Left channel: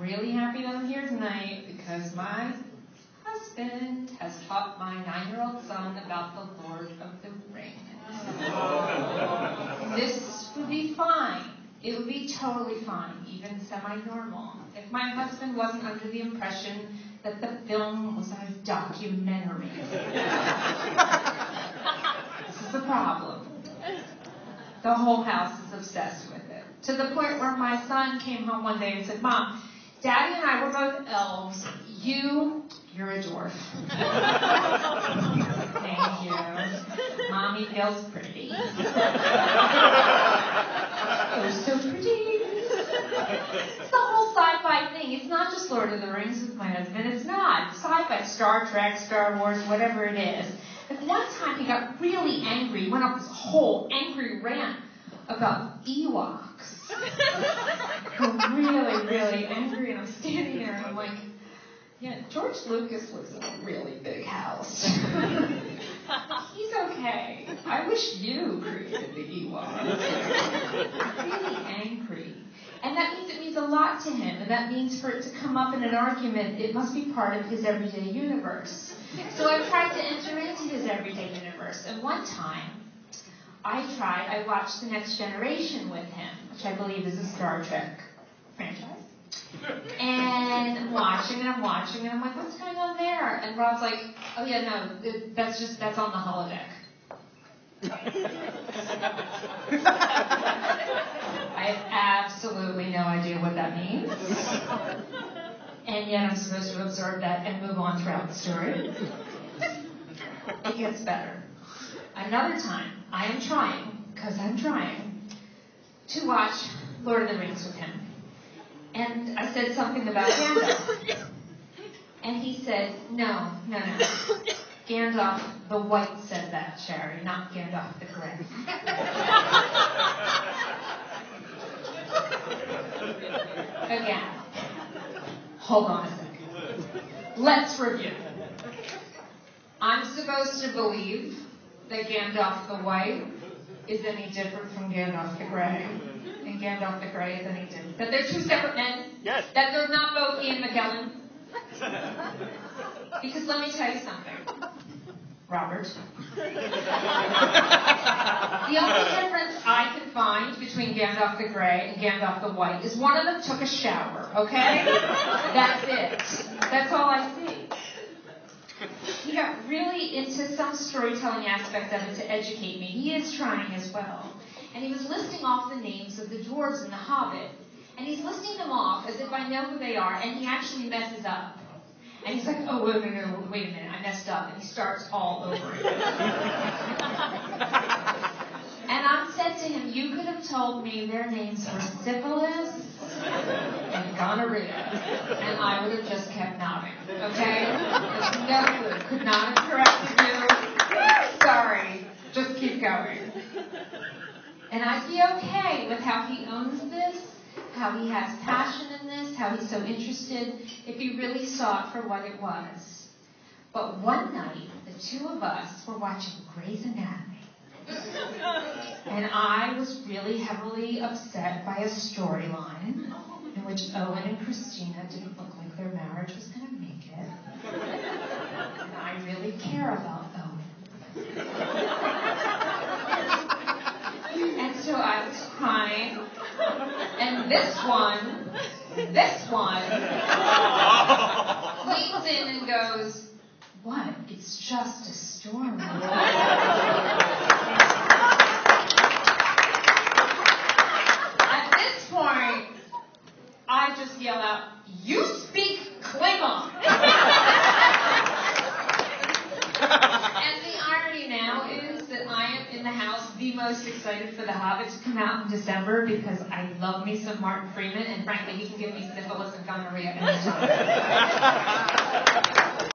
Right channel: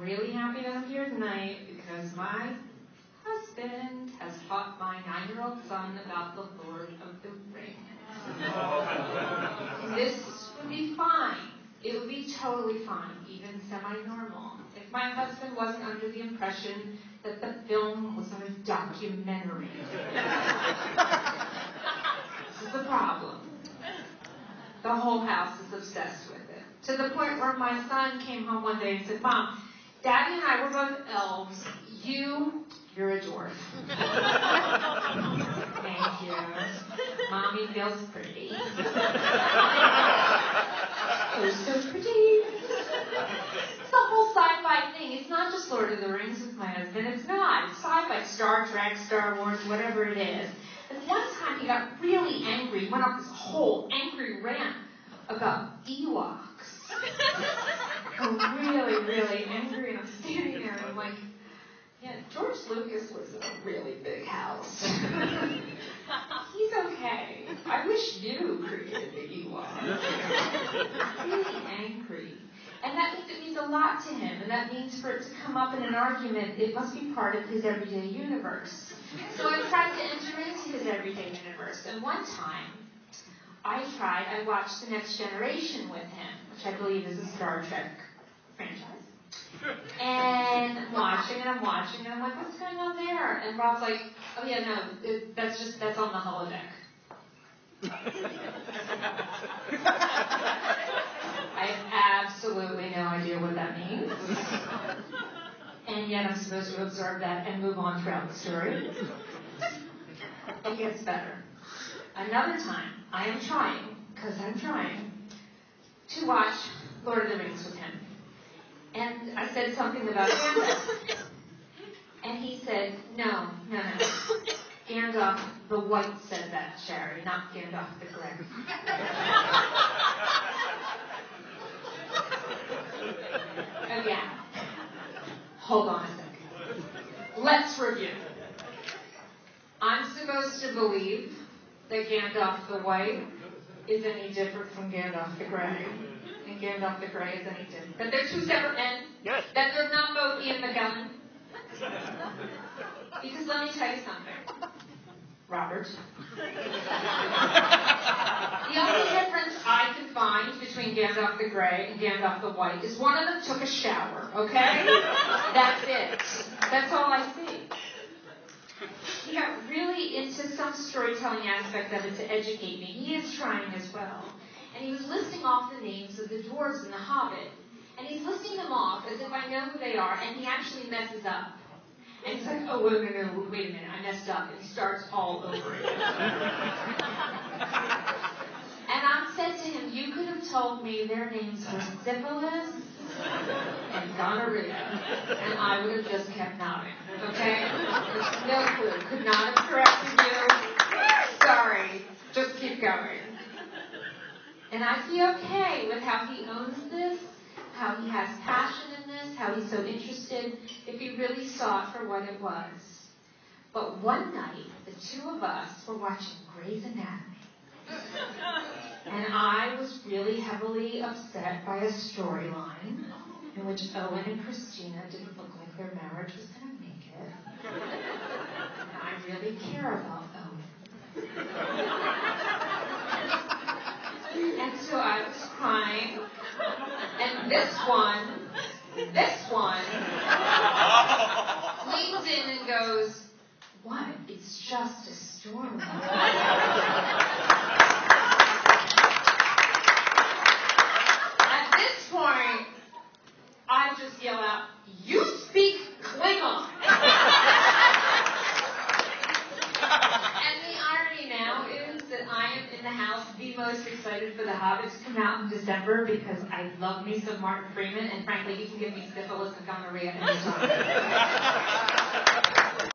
really happy that I'm here tonight because my husband has taught my 9-year-old son about the Lord of the Rings. This would be fine. It would be totally fine, even semi-normal, if my husband wasn't under the impression that the film was a documentary. This is the problem. The whole house is obsessed with it. To the point where my son came home one day and said, Mom, Daddy and I were both elves. You're a dwarf. Thank you. Mommy feels pretty. Oh, so pretty. It's the whole sci-fi thing. It's not just Lord of the Rings with my husband. It's not. It's sci-fi, Star Trek, Star Wars, whatever it is. But one time he got really angry. He went off this whole angry rant about Ewoks. I'm really, really angry, and I'm standing there, and I'm like, yeah, George Lucas lives in a really big house. He's okay. I wish you created the Ewoks. Really angry. And that means it means a lot to him, and that means for it to come up in an argument, it must be part of his everyday universe. So I tried to enter into his everyday universe, and one time, I watched The Next Generation with him, which I believe is a Star Trek franchise. And I'm watching, and I'm like, what's going on there? And Rob's like, oh yeah, no, that's on the holodeck. I have absolutely no idea what that means. And yet I'm supposed to absorb that and move on throughout the story. It gets better. Another time, I am trying to watch Lord of the Rings with him. And I said something about Gandalf. And he said, no. Gandalf the White said that, Sherry, not Gandalf the Grey. Again. Hold on a second. Let's review. I'm supposed to believe that Gandalf the White is any different from Gandalf the Grey, and Gandalf the Grey is any different. That they're two separate men? Yes. That they're not both Ian McKellen? Because let me tell you something, Robert. The only difference I can find between Gandalf the Grey and Gandalf the White is one of them took a shower, okay? That's it. That's all I see. He got really into some storytelling aspect of it to educate me. He is trying as well. And he was listing off the names of the dwarves in The Hobbit. And he's listing them off as if I know who they are, and he actually messes up. And he's like, oh, wait a minute, I messed up. And he starts all over again. And I said to him, you could have told me their names were syphilis and gonorrhea, and I would have just kept nodding, okay? There's no clue. Could not have corrected you. Sorry. Just keep going. And I'd be okay with how he owns this, how he has passion in this, how he's so interested, if he really saw it for what it was. But one night, the two of us were watching Grey's Anatomy. And I was really heavily upset by a storyline in which Owen and Christina didn't look like their marriage was going to make it. And I really care about Owen. And so I was crying. And this one leans in and goes, what? It's just a storm. At this point, I just yell out, you speak Klingon! And the irony now is that I am in the house the most excited for The Hobbit to come out in December because I love me some Martin Freeman, and frankly, he can give me syphilis and gonorrhea anytime.